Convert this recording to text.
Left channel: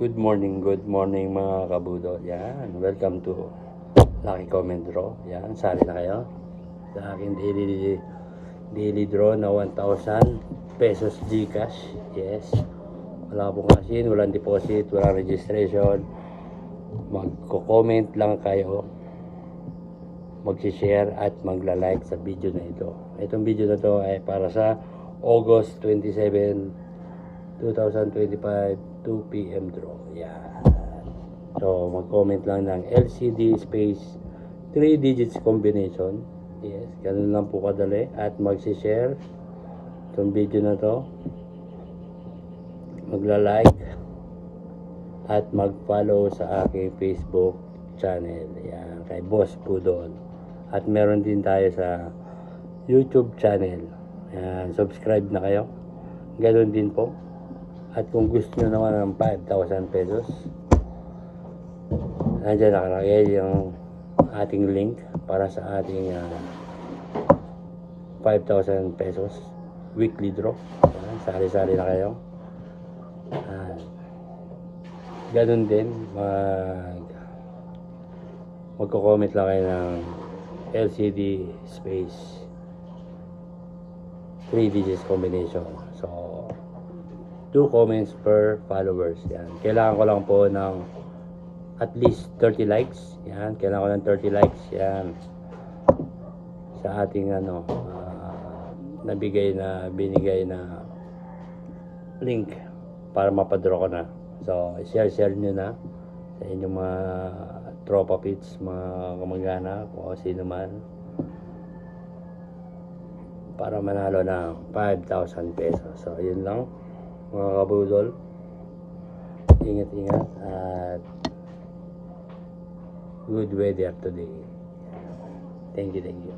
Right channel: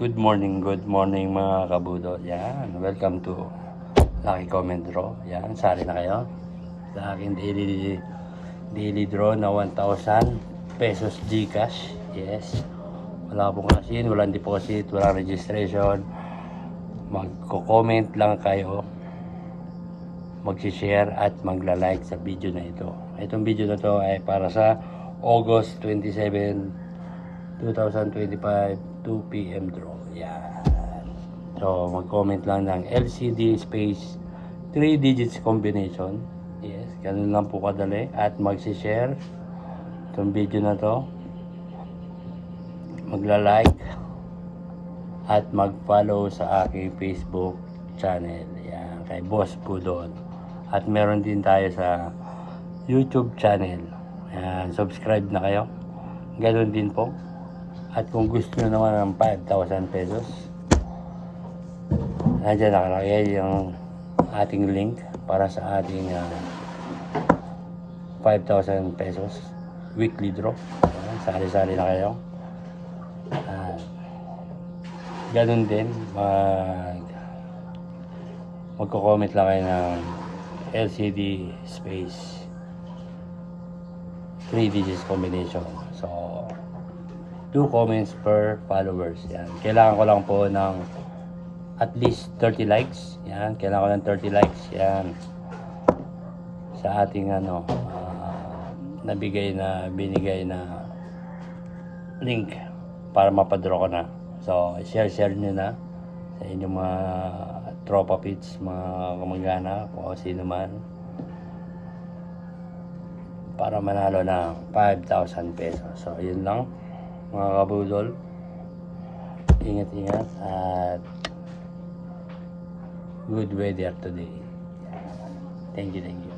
Good morning mga kabudo. Yan, welcome to Lucky Comment Draw. Yan, sali na kayo sa aking daily draw na 1,000 pesos GCash. Yes, wala pong asin, walang deposit, walang registration. Magko-comment lang kayo, mag-share at magla-like sa video na ito. Itong video na to ay para sa August 27, 2025 2 PM draw. Yan. So mag-comment lang ng LCD space 3 digits combination. Yes, ganun lang po kadali. At mag-share itong video na to, magla-like at mag-follow sa aking Facebook channel. Yan, kay Boss Pudol. At meron din tayo sa YouTube channel. Yan, subscribe na kayo. Ganun din po. At kung gusto nyo naman ng 5,000 pesos, nandiyan nakalagay yung ating link para sa ating 5,000 pesos weekly draw. Ayan, sali-sali na kayo. Ganun din, magko-comment lang kayo ng LCD space 3 digits combination. So 2 comments per followers. Yan. Kailangan ko lang po ng at least 30 likes. Yan. Kailangan ko ng 30 likes. Yan. Sa ating binigay na link para mapadraw ko na. So, share nyo na sa inyong mga tropa pits, mga kamag-anak, o sino man, para manalo ng 5,000 pesos. So, yun lang mga kabudol, ingat at good weather today. Thank you.